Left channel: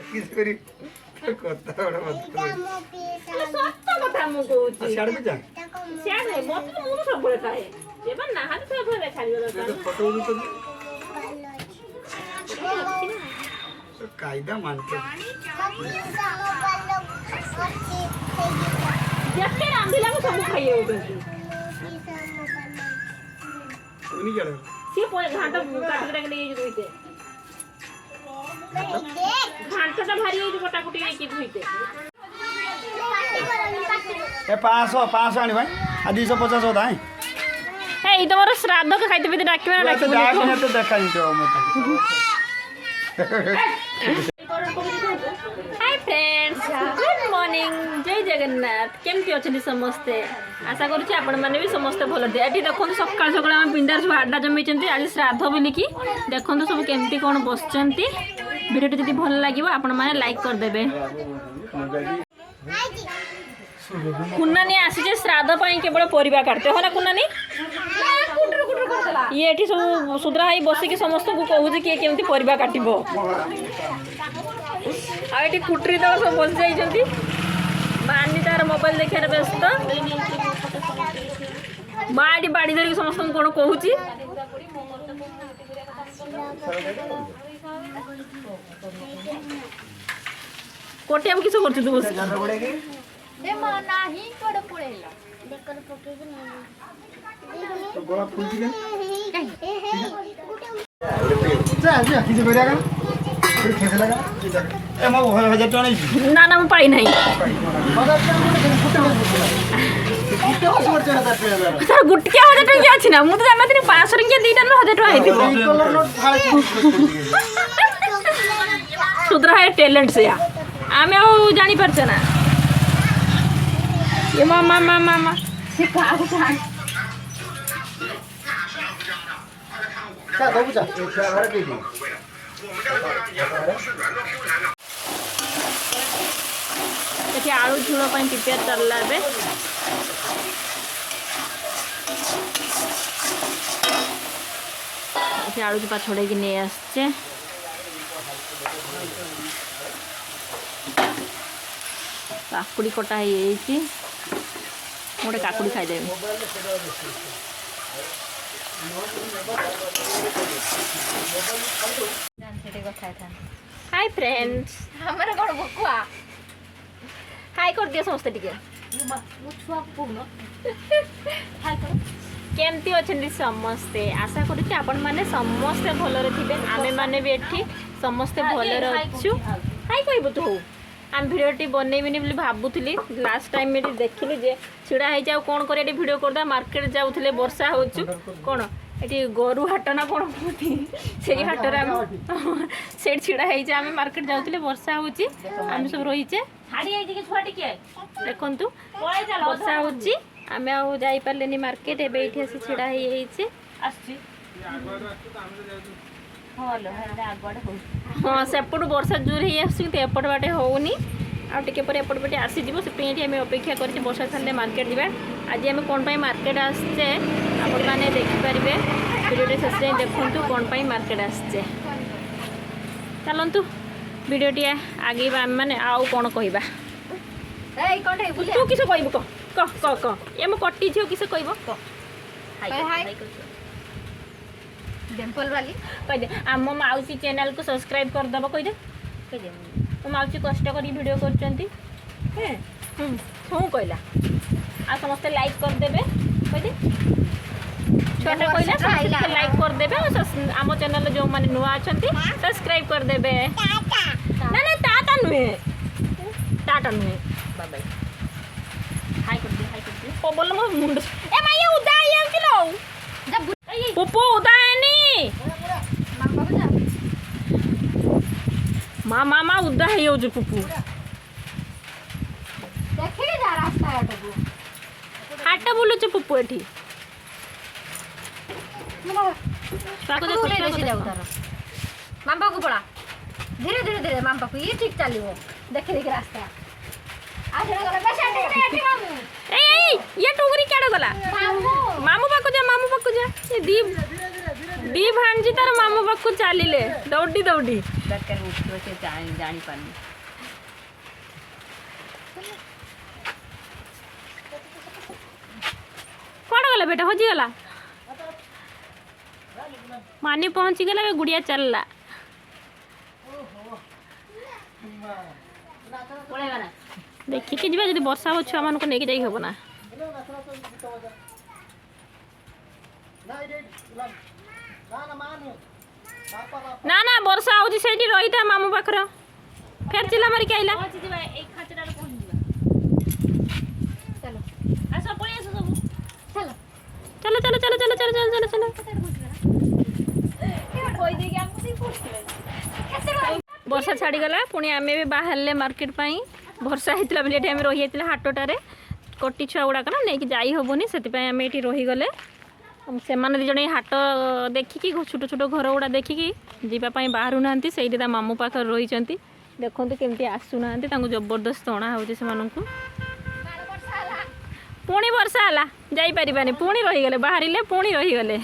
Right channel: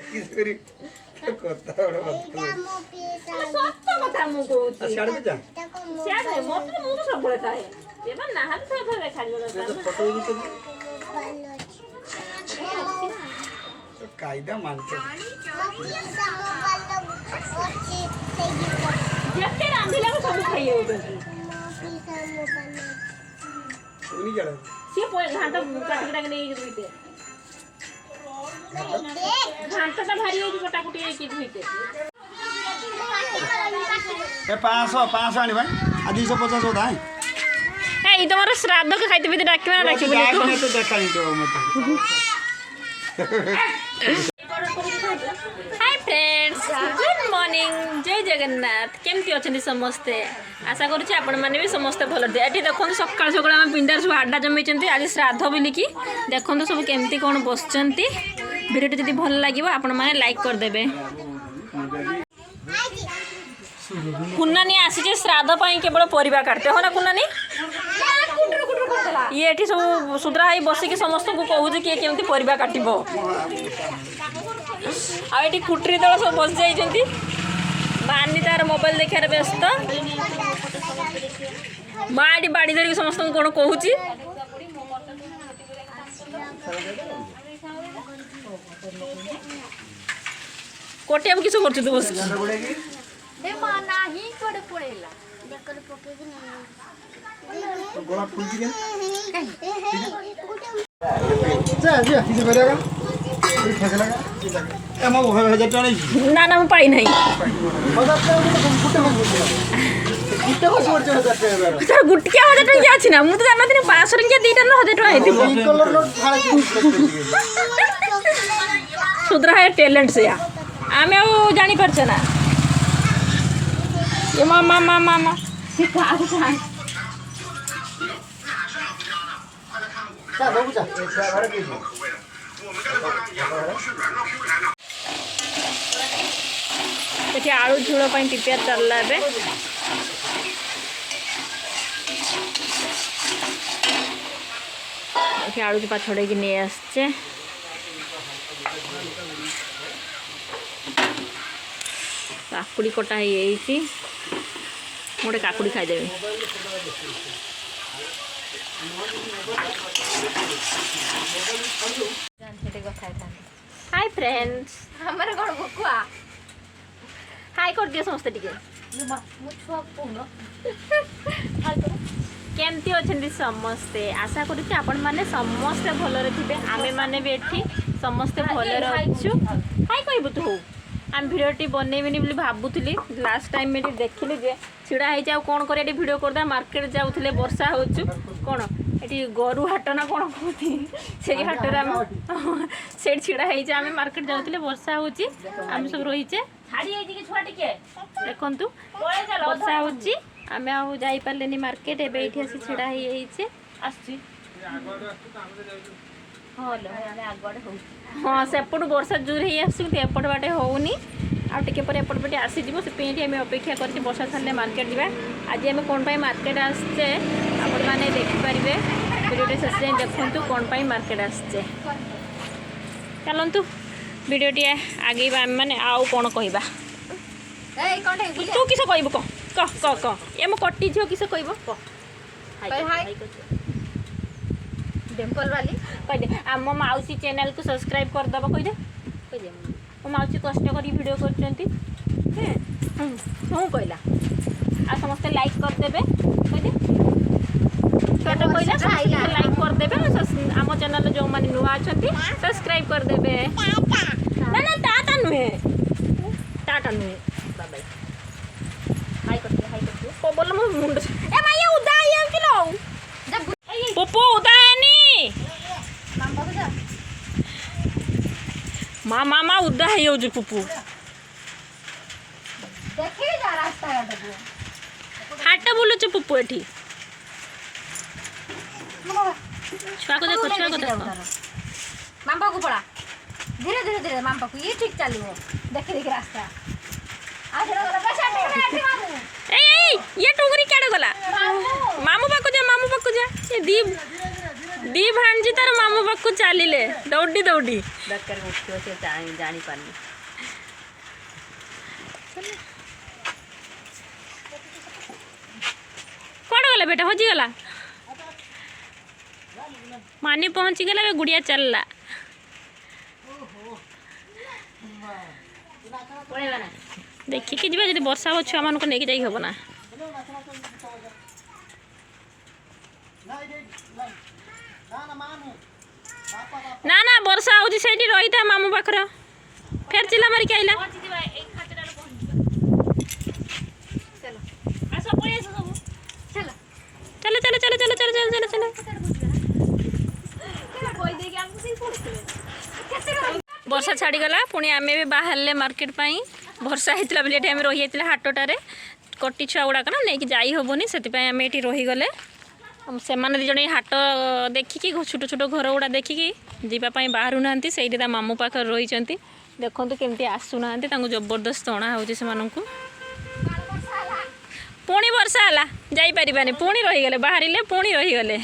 किसरी कथा बड़ा बात सत्य कथा मु कहूची छाड़ भी जा सियाड़े मत मु सब बळे थाए एबा नाहल से भले छाड़ियो दरकार फोटो तो कायदा मानते जेते रांधिला को सब खाइयो करती उनी जड़ से पोए घाट काट काट के ले जुइते घाटटा भारी होई कटा कुटी के धुइते ए 500 आनी भाई आ 250 होता है ए तमरो श्राद्ध के खाइते भी डाकिबे ना डाकिबे नहीं तो देखाई तो मत हाय फ्रेंड्स गुड मॉर्निंग जय जगन्नाथ केमती अछंती समस्ते आशा करूची आपण माने भी समस्ते भल थे एठी देखो सकाळ सकाळ हम पिंडार सब आड्डा जमैचंती आज श्राद्ध बोलिकी देखो सब केमती कोन बसचंती वीडियो जदि भल लागिवो आपण माने लाइक कर देबे कुन्नानी आसी श्राद्ध पाई केवल परिवा काटते हो ना कुन्नानी ये एठी सब सुद्रा हाई बसिकी समस्त को कहूची कि केमती परिवा काटिबो आ एठी कुटरी दल सब बस जाइचंती मानी तार मोबाइल देखार व्यस्त माडी बाड़ी धरिक समस्त कोन कहूची कोटिया किस करछु तू बस दे मा नाही कोड पळेला बेकर पकेज तो गोला फूल दिया जा जा किसे करिया का फिर खेसे लगा ए मो 1000 टका नहीं ना ना मु पाई नहीं सर गुटकिया 1000 टका अछि ना मु तो जाना दिन 500 टका दीटा न 1000 टका हेतिबो कलर नो फाळे सुद्रा है टैलेंट से या आमे आ जानी परछ ना ये मामा मामा मामा से का का बाबू जा छुआ घर के जी एठी आलू झोल पई प्रिपेयर करला बे एठी आलू चपा छोड़े की ने आछे काकुड़ी कटा है मोटे काकुड़ी खाईदेवी हाय फ्रेंड्स हमरे कोन बकुआ हाय कर दियो समस्त टिके मु छुआ कोन हाय कर केमती अछंती समस्ते आशा करूची आपण माने समस्त भलरे थिबे आमे माने भी एठी समस्त भलरे अछु हाय कहबो तू आम भिडियोटी बनैबिनी बोली भाबुली लास्ट टाइम में देखिली जे छिड़ा है जाऊ कौन कर भिडियो करदे मार्केट जाऊले वर्षा होचु कौन ये गरु हाट ना कौन कहती से हाटर आम से छिड़ा है आम मार्केट जाऊले वर्षा होची आम सब रहीचे देखु वर्षा होची आम आउ जाई पारलेनी मार्केट एबे एठी आसी छिड़ा है हाँ सेपटू वर्षा जोर एपट बाटे होनी आटे पर एपट बाटे आसीज से आम अपेक्षा कर वर्षा छाड़े मार्केट जावा आज आम कौन मार्केट आसचे आपण मैंने देखिपारे वीडियो शेष जाए देखु कौन मार्केट आसचे चलतु वीडियोटी आगे आम मैंने आउ कौन कहवा तू किस कह कह कह कह ये मो कटी झील किस कह डिंपल वाली कह दे आम माउसी चैनल को सब्सक्राइब करदेव कह दे मो माउसी कष्ट कर वीडियो करछंती कहला आ समस्त लाइक करदेवे कह दे छोटे कहला समस्त लाइक करदेवे आम चैनल जो माने नुआ अछंती सब्सक्राइब करदेवे ना ना टाटा नुहे बाय बाय हाय करते ओ बोल मो मुंड ए माया उदा आया किलो पोपो उदा मामा उदा है यो जो पुपू देखि जा रास्ता हाट बोलो छ पुपू एठी छुआ को देखो मामा को पड़ा धीरे धीरे धीरे मामा को ये ठीक चलियो देखि देखि रास्ता ये टुगरी केड़े गला मामू पाकु जा ये दी भांजी तार मामू पाकु चलिले दौड़ी दौड़ी दरकार उठियो से जानी पानी कौन गला बेटा हजी गला मानी पहुंची गला गुड़िया चलला देखिए जी जब वर्षा हो छुआ मान को लेके जाई हबो ना ना ना वर्षा हो सेठी रही था मामू पाखर फेर चिल्ला मारी के आइला चलो चलो चलो चलो चलो चलो चलो चलो वर्षा छाड़ी गला पुणी आम भी बाहर मार्केट पाई वर्षा होता बोली आम रही जाता हाटटारे कटी छुआ गुड़ाक ना नहीं जाई हेनी से आम ये रहीगले से दिज हाट देखिकी छोट छोट घर गुड़ा देखिकी जीवाई बाहर ना से मामू पाखे रही देखो केमती आसुना जबरदस्त अणा हो पुणी वर्षा है जापारे पुणी रहीगले बाहर पुणी रहीगले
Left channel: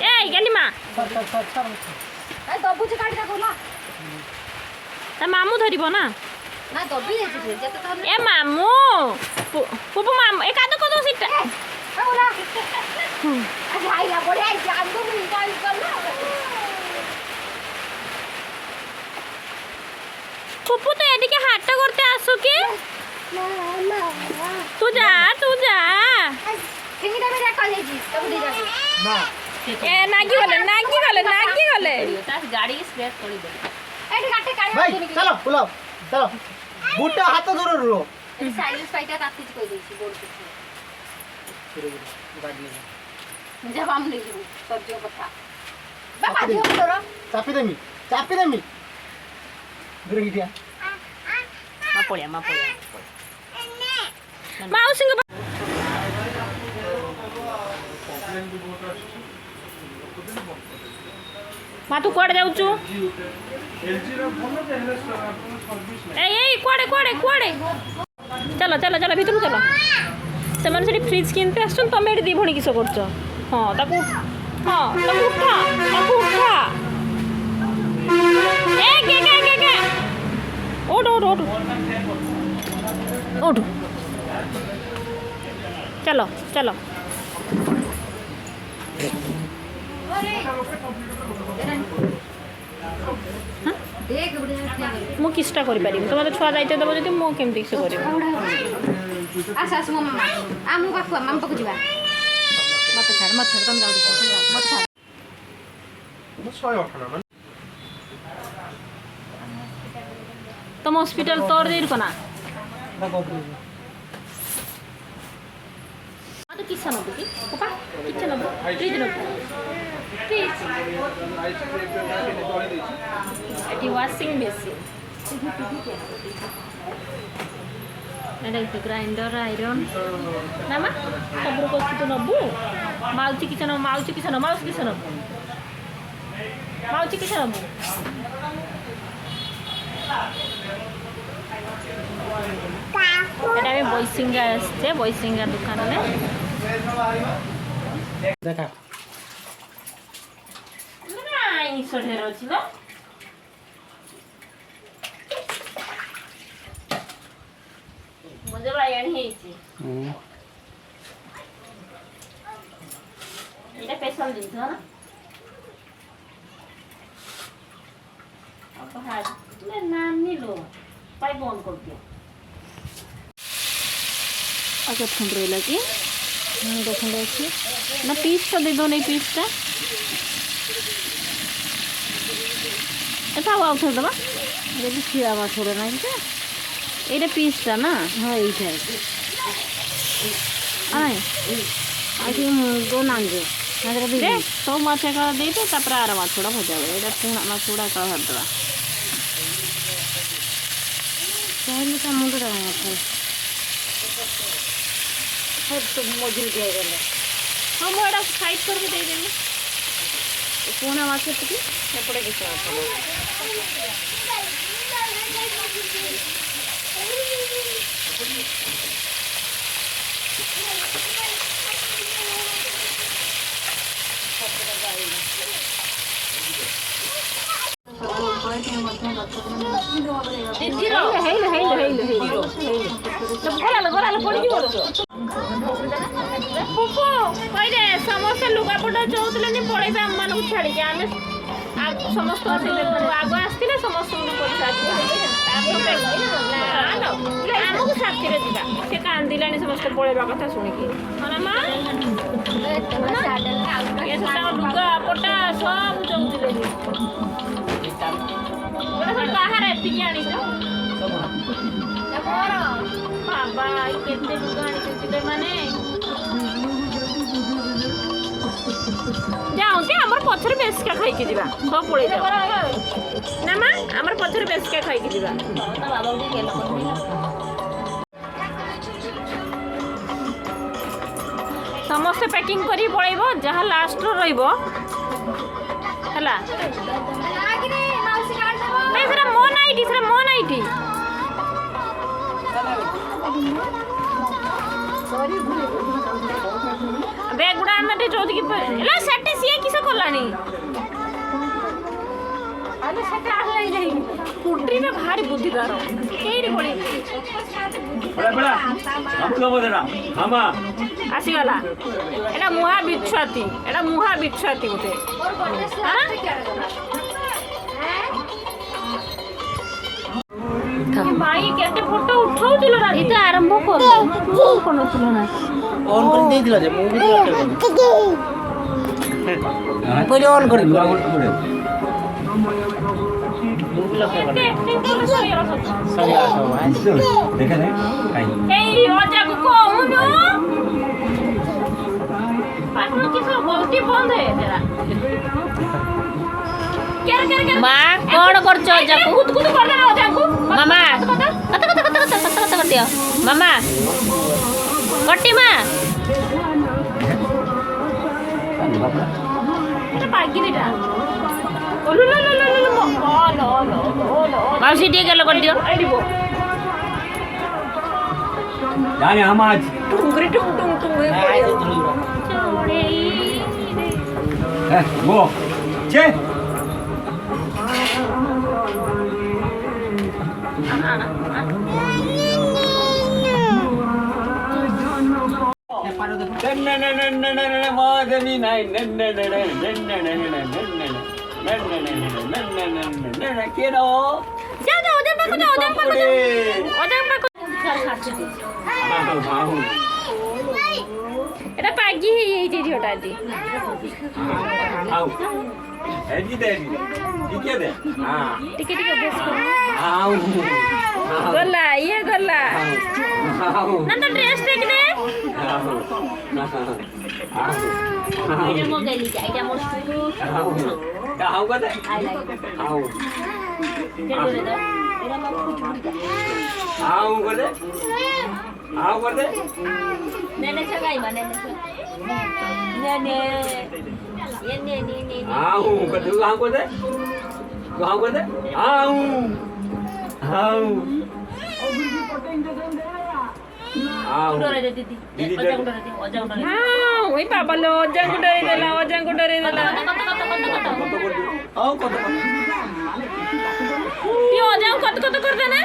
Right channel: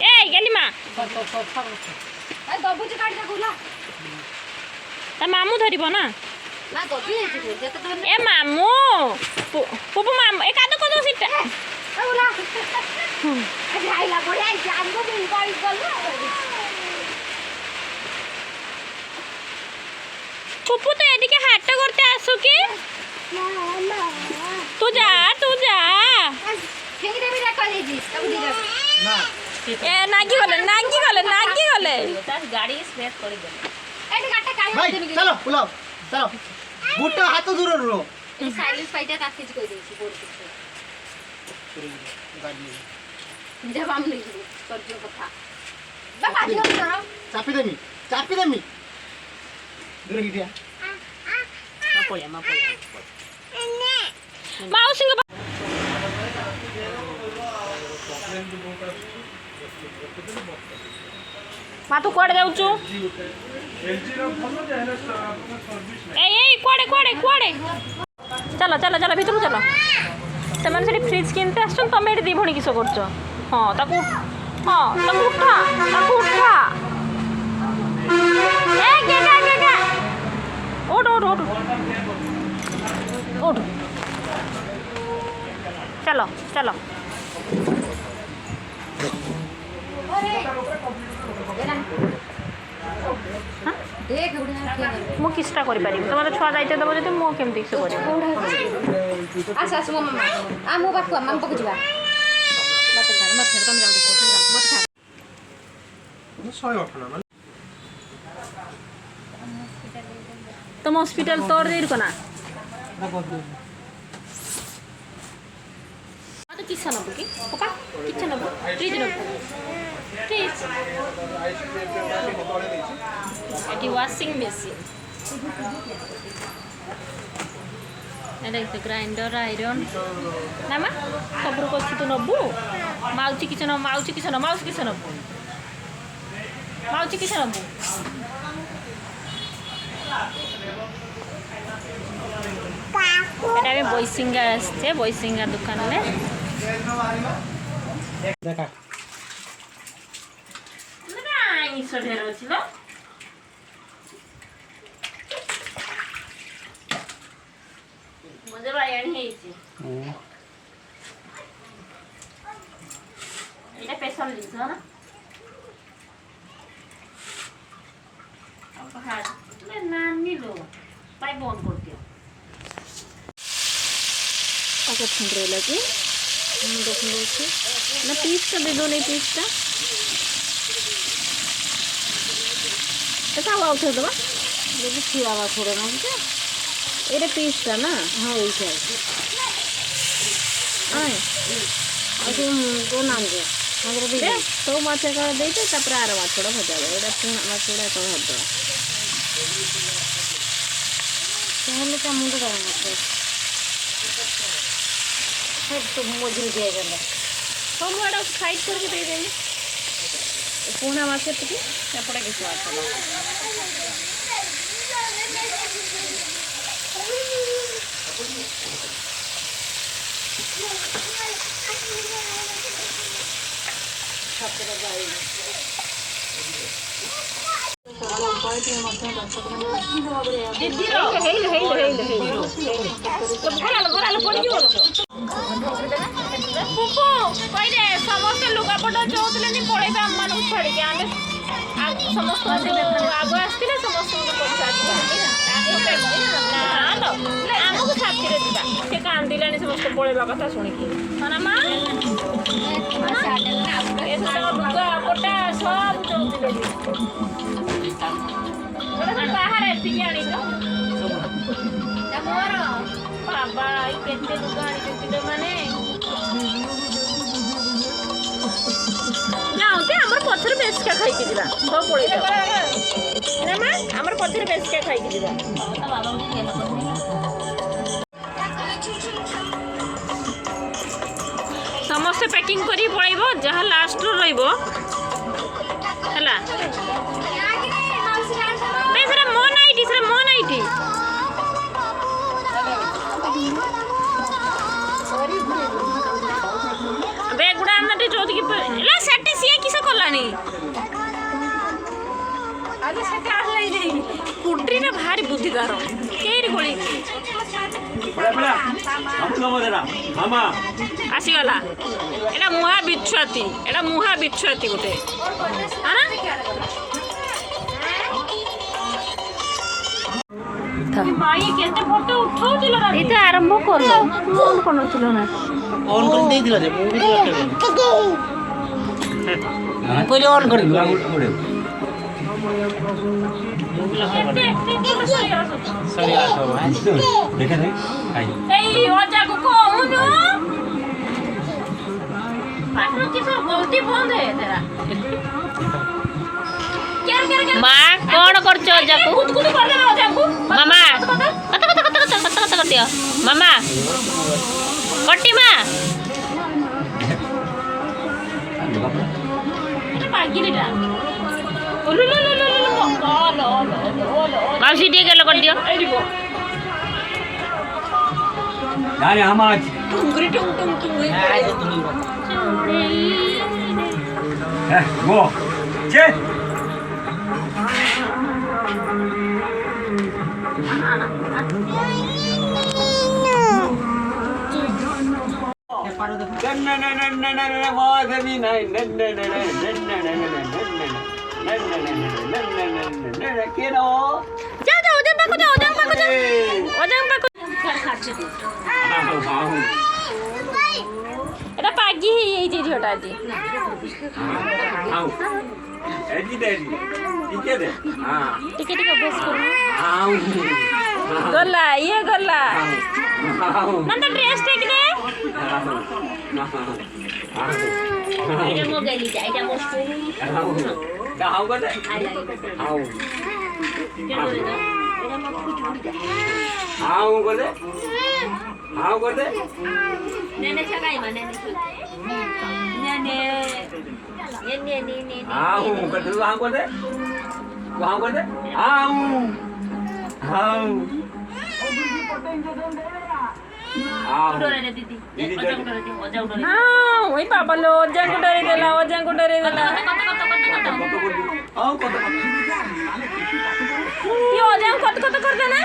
ए गली माँ मामू धरब ना ए मामू पुपू मामू एक आध कर दो सीटा पुपू तो ये हाट करते आसु कि तू जा ए नागी गले गाड़ी स्क्रैच कर दे भाई चलो बुलाओ चलो बुट्टा हाथ दूर रो साइलेंस फाइटा ताती कोई देसी बोल जब हम नहीं कर दियो कथा बाबा दियो करो चापी देमी दूर गिटिया मा पळ्या माउसी माँ तू कौड़े जाऊँ कौड़े चलो चलो चलो भीतर चलो से फ्रिज किनते आस तुम ये दी भणी किस कर हाँ उठा उठ चलो चलो मु किसटा करि पारि तुम तो छुआ दायित्व दब जदि मु केमती से करि आस मम्मा आ मो बापू मम्मा को जिबा मत छाड़ तुम जाओ देखो मत छाड़ तुम हॉस्पिटल तोड़ दे ना तो किसा नबु कि पापा किसा Nabu fridge Nabu fridge eighty washing machine एटा ग्राइंडर आयरन ना मा सब कछु तो नबु माउची किसा माउची किसा नबु এটা আমি বইসিঙ্গার আসছে বইসিঙ্গার দোকানে দেখা না আইমিষ ঢের ছিল মজা বায়ানি হয়েছে এটা স্পেশাল জিনিস না হ্যাঁ না নিলো তাই বন্ধ করতে आगे फुंड रहा कि देखो देखिए ना पीसटा दे दो नहीं पीसटा ऐसा हुआ उठे दबा देखिए खीरा हुआ थोड़े ना ये पीसटा ना हाँ ये ये दो नाम दे तो माछा का दे तापर आर माछड़ा भजा ये पुणा माछड़ा का हरदवा पहले का मुंड का सब तो मजूद हो गया हम साइड करके दे देंगे ପୁଣା ମାଛ ଏତିକି ଏପଟେ କିଛି ମାଛ ନାହିଁ। କହିଲେ ସମସ୍ତେ ଲୁଗାପଟା ଚଉଥିଲେ ପଳେଇବେ ଆମମାନଙ୍କୁ ଛାଡ଼ିକି ଆମେ ସମସ୍ତଙ୍କୁ ଆଗ ଆସିଥିଲେ ସମସ୍ତଙ୍କୁ ପଚାରିବା ଆମକୁ ସାଥିରେ ଯିବା। ସେ କାନ୍ଦିଲାଣି ସମସ୍ତେ ପଳେଇବା କଥା ଶୁଣିକି ମା ଲୁଗାପଟା ସବୁ ଚଉଥିଲେ ବାହାରେ ଏତିକି ଆଣିଛ ବାବା କେତେ ଲୁଗା ଆଣିଛନ୍ତି ମାନେ ଯାଆନ୍ତି ଆମର ପଛରେ ବେଶିକା ଖାଇକି ଯିବା ସବୁ ପଳେଇ ନା ମା ଆମର ପଛରେ ବେଶିକା ଖାଇକି ଯିବା। ସମସ୍ତେ ପ୍ୟାକିଂ କରି ପଳେଇବ ଯାହା ଲାଷ୍ଟରେ ରହିବ ହେଲା। ସେଟା ମୋ ନାଇଟି ସେଟା ମୋ ନାଇଟି ବେଗ ଗୁଡ଼ା ଆଣିନା ଚଉତିକି ସେଠି ସିଏ କିସ କଲାନି ଆରେ ସେଟା ଆସିଲାଇ ଯାଇ କୁଟ୍ରିଟା ଭାରି ବୁଦ୍ଧିଦାର କେଇରି ଗୋଳି ଆସିଗଲା ଏଟା ମୁହା ବିଛୁଆତି ଗୋଟେ ଭାଇ କେତେ ଫଟୋ ଉଠାଉଥିଲ ନା ଏଇଟା ଆରମ୍ଭ କର କରୁନଥିଲ ନା ଅନ୍ କରି ଦେଇଥିଲା ଯେ ମୁଁ ବି କହିଲି ଅନ୍ କରି ଏଇ ଅଜାକୁ କହୁନୁ ଗଲତି ବନ୍ଦ ହେ ତେରା ମା କଣ କରୁଛ ଅଜାକୁ ମାମା କତ କରିଦିଅ ମାମା କଟି ମା ମାଉସୀ ଟିକେ ଗେଲ କରିଦିଅ এটা পাগি ହେଇଯାଇଛି ଝିଅଟା ଆଜି ଟିକେ ଟିକେ ଅଭ୍ୟାସ କର ଗଲା ଇଏ ଗଲା ନା ତ ଡ୍ରେସ୍ ଟେ କିନେ ଏଇଟା ମଗାଇଲି ଯା ଏଇଟା ମୋର हाउ करते आई लाइक हाउ एरा मत कुछ हाउ करते नेने छगाई बने नेने ने हाउ करते हाउ वही पापा लो अज्जा को डरे देला ये अज्जा कत कर देना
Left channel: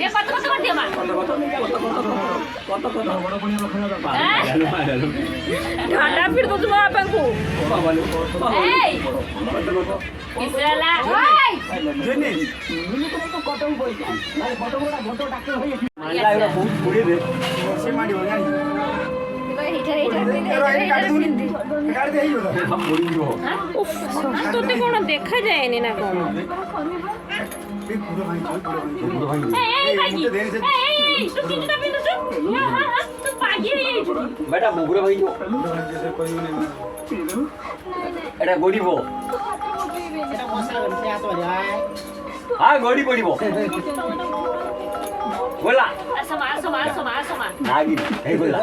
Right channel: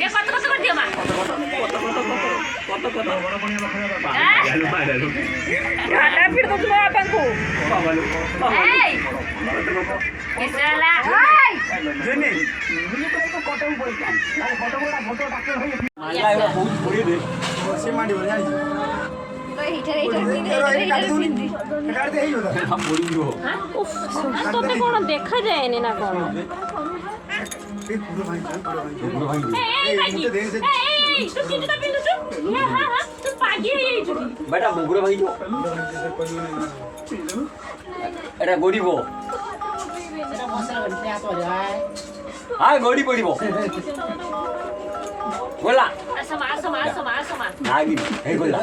ये कत कर दिया मां घाटा फिर तो तुम आपन को ए किसला जने तो कटम बोल के फोटो डाक्टर होई से मांडी बोल जानी তোতে কোন দেখা যায়নি না কোন बेटा मुगरे भाई एटा गोड़ी बो एटा मसला गन पे आ तो जाए हाँ गोड़ी पड़ी वो बोला नागी हे बोला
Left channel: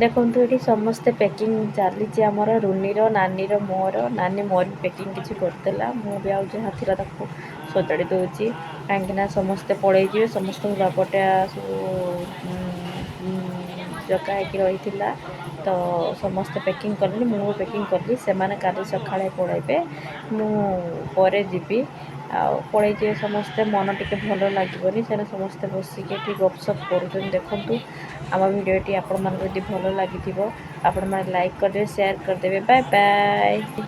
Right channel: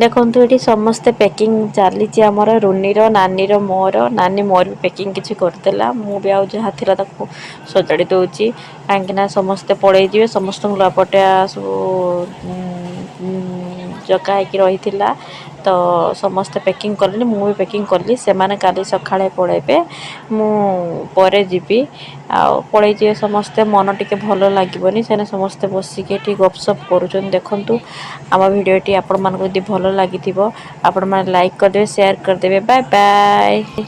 ଦେଖନ୍ତୁ ଏଠି ସମସ୍ତେ ପ୍ୟାକିଂ ଚାଲିଛି ଆମର ରୁନିର ନାନୀର ମୋର ନାନୀ ମୋର ବି ପ୍ୟାକିଂ କିଛି କରିଦେଲା ମୁଁ ବି ଆଉ ଯାହା ଥିଲା ତାକୁ ସଜାଡ଼ି ଦେଉଛି କାହିଁକିନା ସମସ୍ତେ ପଳେଇଯିବେ ସମସ୍ତଙ୍କୁ ଲୁଗାପଟା ସବୁ ଜଗା ହେଇକି ରହିଥିଲା ତ ସମସ୍ତେ ପ୍ୟାକିଂ କଲେଣି ମୁଁ ବି ପ୍ୟାକିଂ କଲି ସେମାନେ କାଲି ସକାଳେ ପଳେଇବେ ମୁଁ ପରେ ଯିବି ଆଉ ପଳେଇଯିବେ ସମସ୍ତେ ମନ ଟିକେ ଭଲ ଲାଗିବନି ସେମାନେ ସମସ୍ତେ ବସିକି ଏଠି ଗପସପ୍ କରୁଛନ୍ତି ଦେଖନ୍ତୁ ଆମ ଭିଡ଼ିଓଟି ଆପଣମାନଙ୍କୁ ଯଦି ଭଲ ଲାଗିଥିବ ଆପଣମାନେ ଲାଇକ୍ କରିଦେବେ ସେୟାର କରିଦେବେ ବାଏ ବାଏ।